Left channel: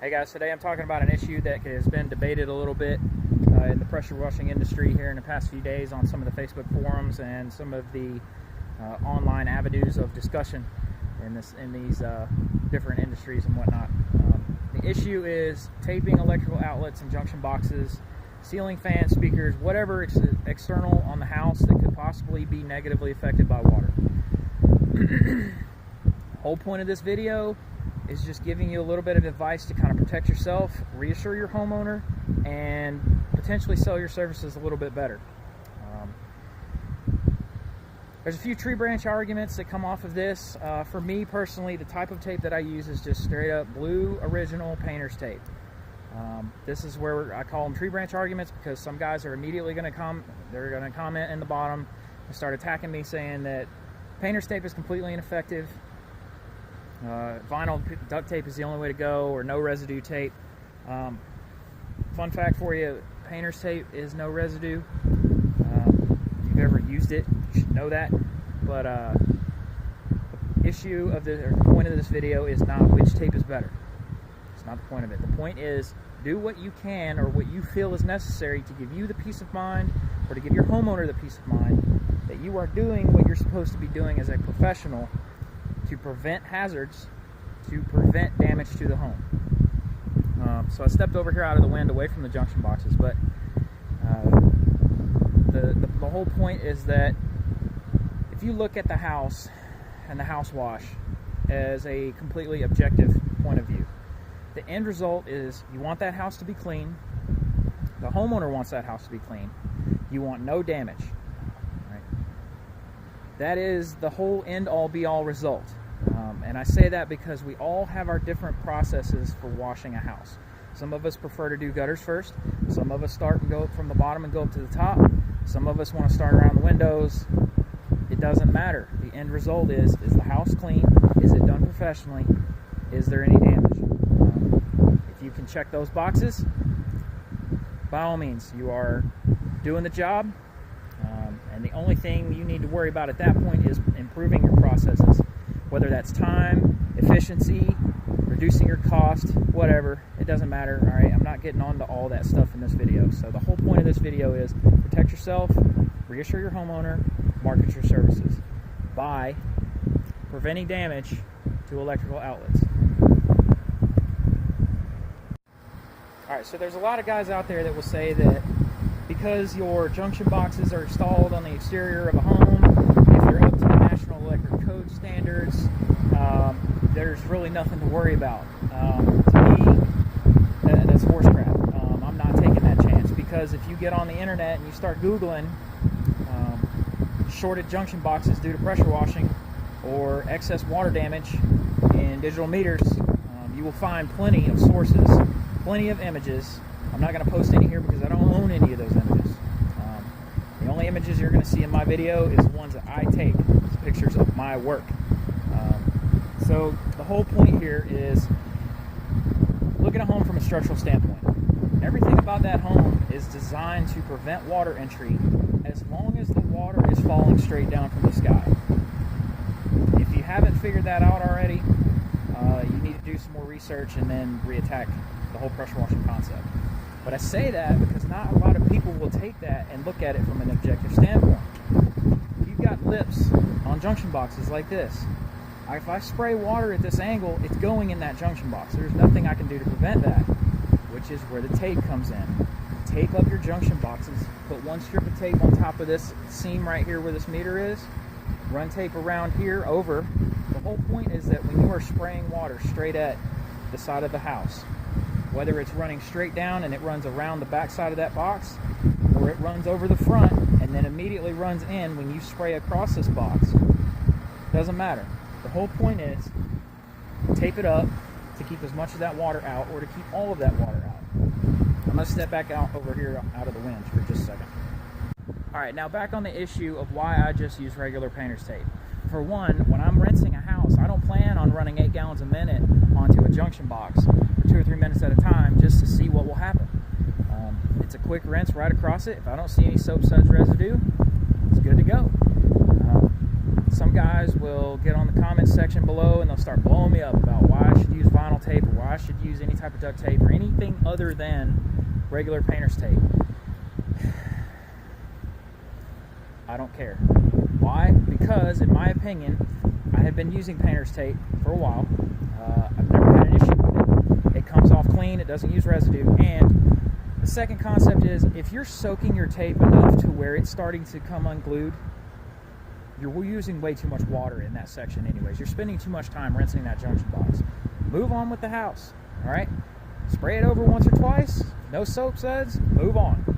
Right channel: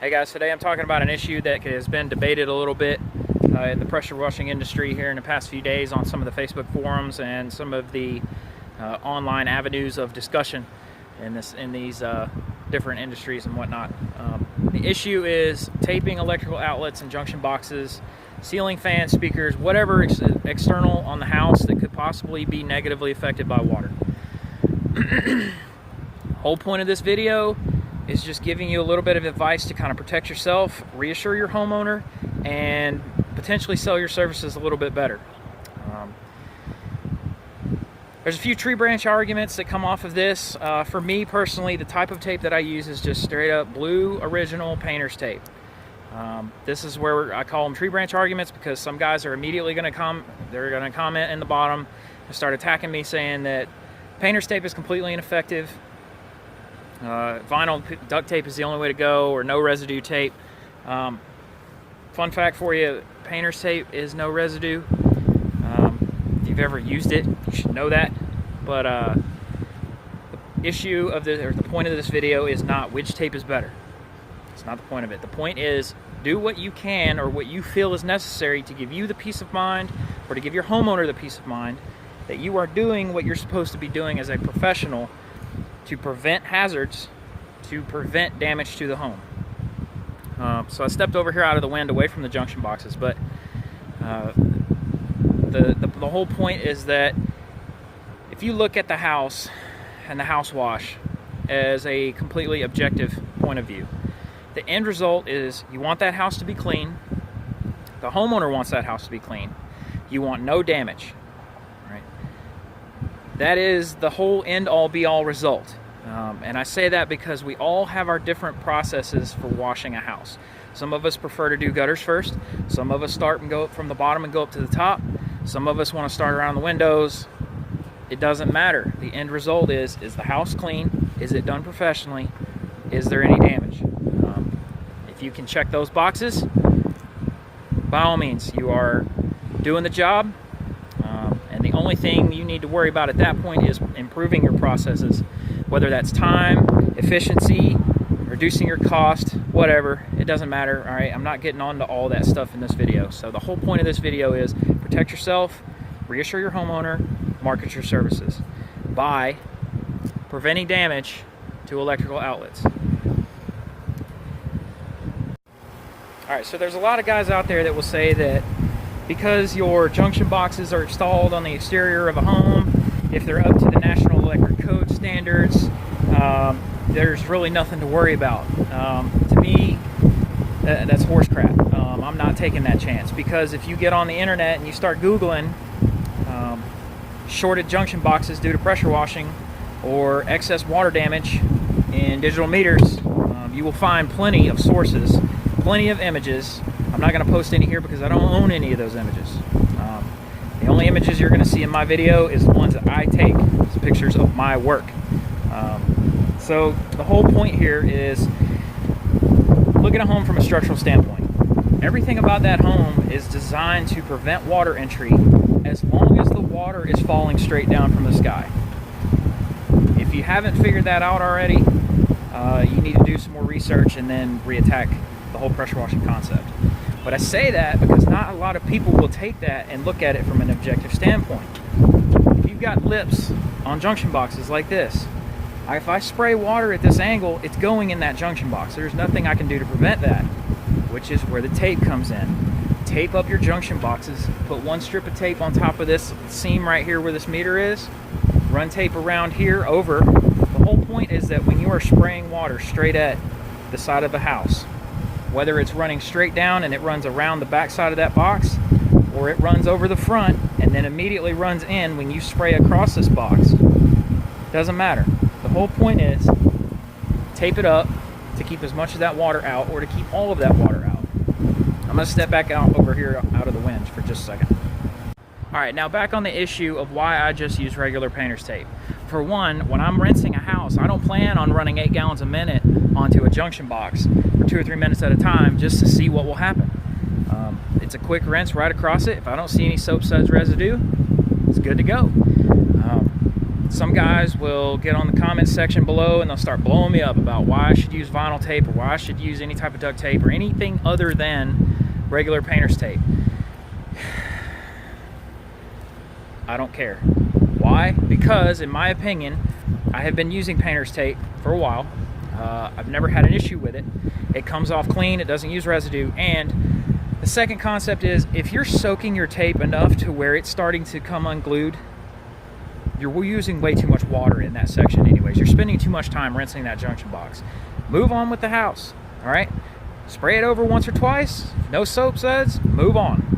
Hey guys, today I'm talking about an issue that has been debated a little bit in the pressure washing industry here in the past few days on some of the Facebook forums and some of the online avenues of discussion in these different industries and whatnot. The issue is taping electrical outlets and junction boxes, ceiling fans, speakers, whatever external on the house that could possibly be negatively affected by water. The whole point of this video is just giving you a little bit of advice to kind of protect yourself, reassure your homeowner, and potentially sell your services a little bit better. There's a few tree branch arguments that come off of this. For me personally, the type of tape that I use is just straight up blue original painter's tape. This is where I call them tree branch arguments, because some guys are immediately going to comment in the bottom and start attacking me saying that painter's tape is completely ineffective. Vinyl duct tape is the only way to go, or no residue tape. Fun fact for you, painter's tape is no residue. If you've ever used it, you should know that. But the issue of the point of this video is not which tape is better. It's not the point of it. The point is, do what you can or what you feel is necessary to give you the peace of mind, or to give your homeowner the peace of mind that you are doing what you're supposed to be doing as a professional to prevent hazards, to prevent damage to the home. So I stepped over here out of the wind away from the junction boxes, but the whole point is that if you look at the house and the house wash as a completely objective point of view, the end result is you want that house to be clean. The homeowner wants that house to be clean. You want no damage. That is the whole end-all be-all result. And I say that because we all have our different processes for washing a house. Some of us prefer to do gutters first. Some of us start and go from the bottom and go up to the top. Some of us want to start around the windows. It doesn't matter. The end result is the house clean? Is it done professionally? Is there any damage? If you can check those boxes, by all means, you are doing the job. And the only thing you need to worry about at that point is improving your processes, whether that's time, efficiency, reducing your cost, whatever. It doesn't matter. All right, I'm not getting on to all that stuff in this video. So the whole point of this video is protect yourself, reassure your homeowner, market your services by preventing damage to electrical outlets. All right, so there's a lot of guys out there that will say that because your junction boxes are installed on the exterior of a home, if they're up to the National Electric Code standards, there's really nothing to worry about. To me, that's horse crap. I'm not taking that chance, because if you get on the internet and you start Googling shorted junction boxes due to pressure washing or excess water damage in digital meters, you will find plenty of sources, plenty of images. I'm not going to post any here because I don't own any of those images. The only images you're going to see in my video is the ones that I take. It's pictures of my work. So the whole point here is look at a home from a structural standpoint. Everything about that home is designed to prevent water entry as long as the water is falling straight down from the sky. If you haven't figured that out already, you need to do some more research and then reattack the whole pressure washing concept. But I say that because not a lot of people will take that and look at it from an objective standpoint. If you've got lips on junction boxes like this, if I spray water at this angle, it's going in that junction box. There's nothing I can do to prevent that, which is where the tape comes in. Tape up your junction boxes, put one strip of tape on top of this seam right here where this meter is, run tape around here over. The whole point is that when you are spraying water straight at the side of the house, whether it's running straight down and it runs around the back side of that box, or it runs over the front and then immediately runs in when you spray across this box, doesn't matter. The whole point is tape it up to keep as much of that water out, or to keep all of that water out. I'm going to step back out over here out of the wind for just a second. All right, now back on the issue of why I just use regular painter's tape. For one, when I'm rinsing a house, I don't plan on running 8 gallons a minute onto a junction box for 2 or 3 minutes at a time just to see what will happen. It's a quick rinse right across it. If I don't see any soap suds residue, it's good to go. Some guys will get on the comments section below and they'll start blowing me up about why I should use vinyl tape or why I should use any type of duct tape or anything other than regular painter's tape. I don't care. Why? Because in my opinion, I have been using painter's tape for a while. I've never had an issue with it. It comes off clean, it doesn't use residue, and the second concept is if you're soaking your tape enough to where it's starting to come unglued, you're using way too much water in that section anyways. You're spending too much time rinsing that junction box. Move on with the house, all right? Spray it over once or twice, no soap suds, move on.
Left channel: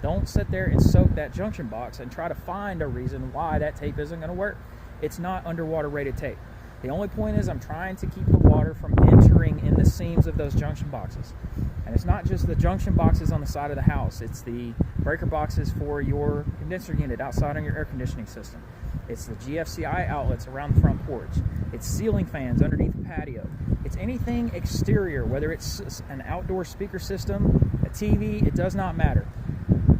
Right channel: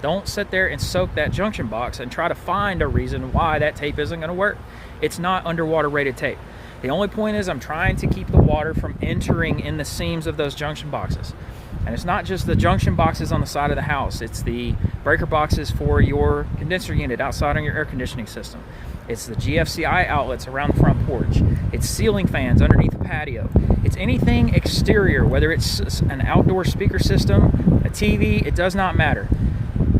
Don't sit there and soak that junction box and try to find a reason why that tape isn't gonna work. It's not underwater rated tape. The only point is I'm trying to keep the water from entering in the seams of those junction boxes. And it's not just the junction boxes on the side of the house, it's the breaker boxes for your condenser unit outside on your air conditioning system. It's the GFCI outlets around the front porch. It's ceiling fans underneath the patio. It's anything exterior, whether it's an outdoor speaker system, a TV, it does not matter.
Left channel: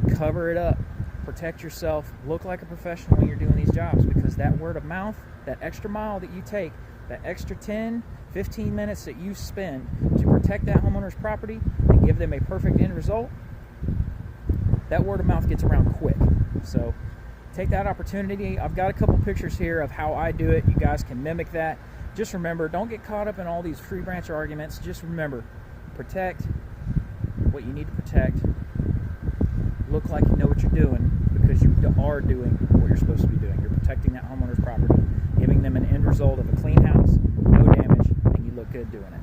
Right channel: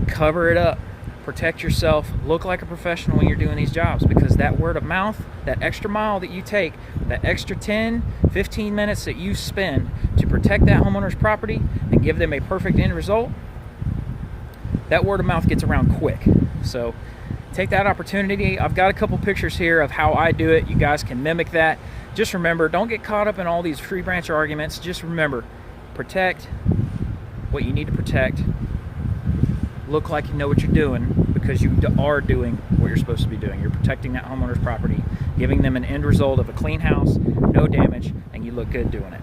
Cover it up, protect yourself, look like a professional when you're doing these jobs, because that word of mouth, that extra mile that you take, that extra 10, 15 minutes that you spend to protect that homeowner's property and give them a perfect end result, that word of mouth gets around quick. So take that opportunity. I've got a couple pictures here of how I do it. You guys can mimic that. Just remember, don't get caught up in all these tree branch arguments. Just remember, protect what you need to protect. Look like you know what you're doing, because you are doing what you're supposed to be doing. You're protecting that homeowner's property, giving them an end result of a clean house, no damage, and you look good doing it.